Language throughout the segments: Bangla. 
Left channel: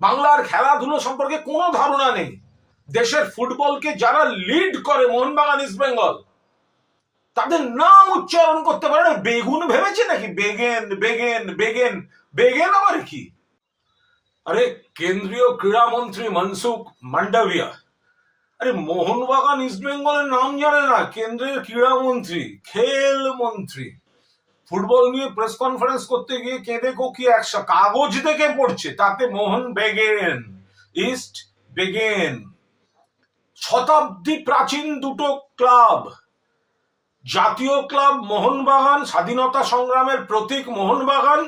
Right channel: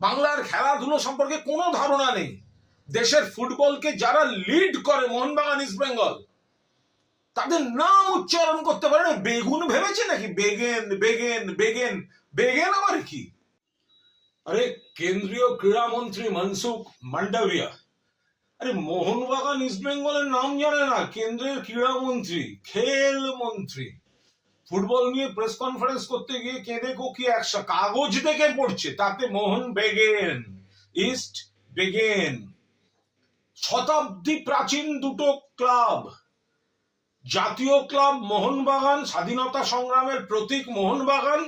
বাংলার খেলাধুলো সম্পর্কে কোনো ধারণা নেই। দেশের ফুটবলকে যারা লিড করে মোহনবাগান ইস্ট বেঙ্গল, তাদের নাম উচ্চারণ করতে পারে না। বেগুন ভেবেছে নাকি? বেগেন বেগেন বেগেন বেগেন আবার কি? আরে কেন্দ্রীয় ক্রীড়ামন্ত্রী মনসুখ মান্ডাভিয়া, আরে মোহনবাগান ইস্ট বেঙ্গলের নাম জানে না? কেন্দ্রীয় ক্রীড়ামন্ত্রী, খেল মন্ত্রী, ফুটবল নিয়ে প্রেস কনফারেন্স করতে গিয়ে কেঁদে কোকি একশো কাগজ দেখে পড়ছে, তাতে মোহন বেগেন, ইস্ট বেগেন। শতাব্দী প্রাচীন দুটো ক্লাব, জাতীয় ক্লাব মোহনবাগান, স্বাধীনতা সংগ্রামের প্রতীক মোহনবাগান,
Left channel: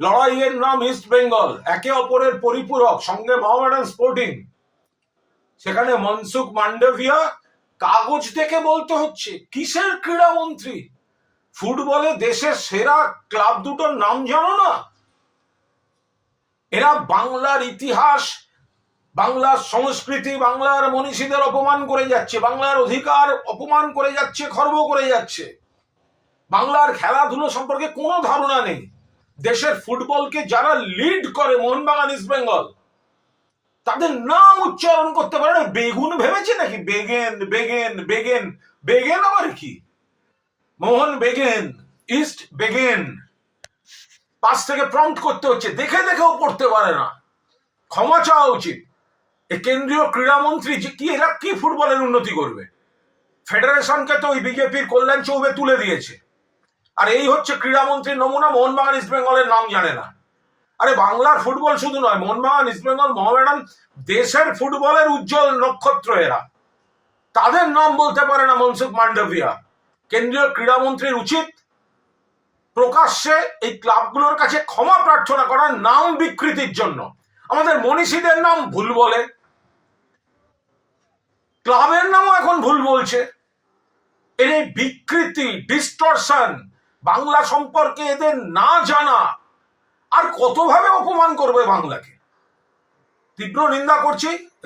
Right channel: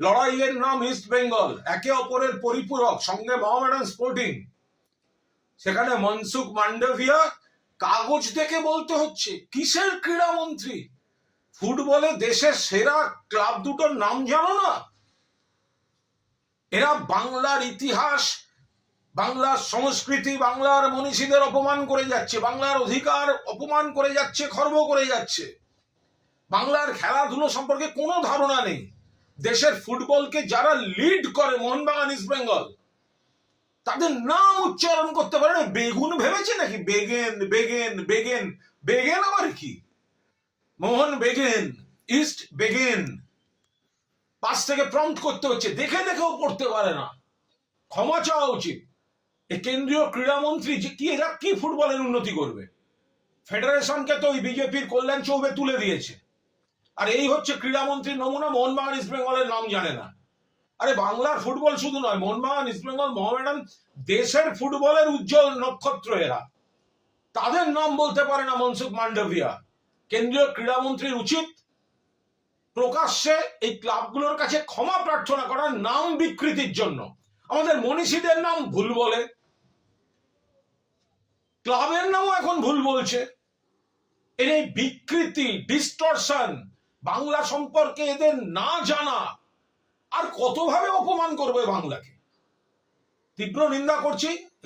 লড়াইয়ের নাম ইস্ট বেঙ্গল, একে অপরের পরিপূরক, সঙ্গে মোহামেডান স্পোর্টিং। সেখানে মনসুখ মান্ডাভিয়া কাগজ দেখে বলতে হচ্ছে। কিসের ক্রীড়ামন্ত্রী? ফুটবলে দেশের সেরা ক্লাব দুটোর নাম জানো না? এরা বাংলার ইতিহাস, বাংলার সংস্কৃতি, বাংলার মনীষীদের অপমান করে যাচ্ছে, বাংলার অধিকার অপমান করে যাচ্ছে, খর্ব করে যাচ্ছে। বাংলার খেলাধুলো সম্পর্কে কোনো ধারণা নেই। দেশের ফুটবলকে যারা লিড করে মোহনবাগান ইস্ট বেঙ্গল, তাদের নাম উচ্চারণ করতে পারে না। বেগুন ভেবেছে নাকি? বেগেন বেগেন বেগেন বেগেন আবার কি? মোহন বেগেন, ইস্ট বেগেন। পাশ থেকে প্রম্পট করতে হচ্ছে, দেখে দেখেও পড়তে পারে না। ক্ষমা চাওয়া উচিত। এই কেন্দ্রীয় ক্রীড়ামন্ত্রী যে কি, এরা কি ফুটবলের উন্নতি করবে? ফেডারেশনকে তো ওই বিজেপির কল্যাণ চৌবে তুলে দিয়েছে। আর এই হচ্ছে ক্রীড়ামন্ত্রীর নমুনা, মোহনবাগান ইস্ট বেঙ্গলের নাম জানে না। আরে বাংলার ফুটবল শুধু নয়, মোহনবাগান ইস্ট বেঙ্গল মোহামেডান দেশের ফুটবলের উজ্জ্বল নক্ষত্র এরা। তাদের নাম বলতে পারে না মনসুখ মান্ডাভিয়া। কেন্দ্রীয় ক্রীড়ামন্ত্রীর উচিত প্রকাশ্যে এই ক্লাবগুলোর কাছে ক্ষমা প্রার্থনা করার, নাম বিকৃতির জন্য। আমাদের মনীষীদের নাম ভুল বলে, ক্লাবের নামও এখন ভুল বলছে। এর এই বিকৃতি, ডিস্টরশন, বাংলা সম্পর্কে এদের না জানা, আর কতভাবে অপমান করবে বাংলাকে। তীব্র নিন্দা করছি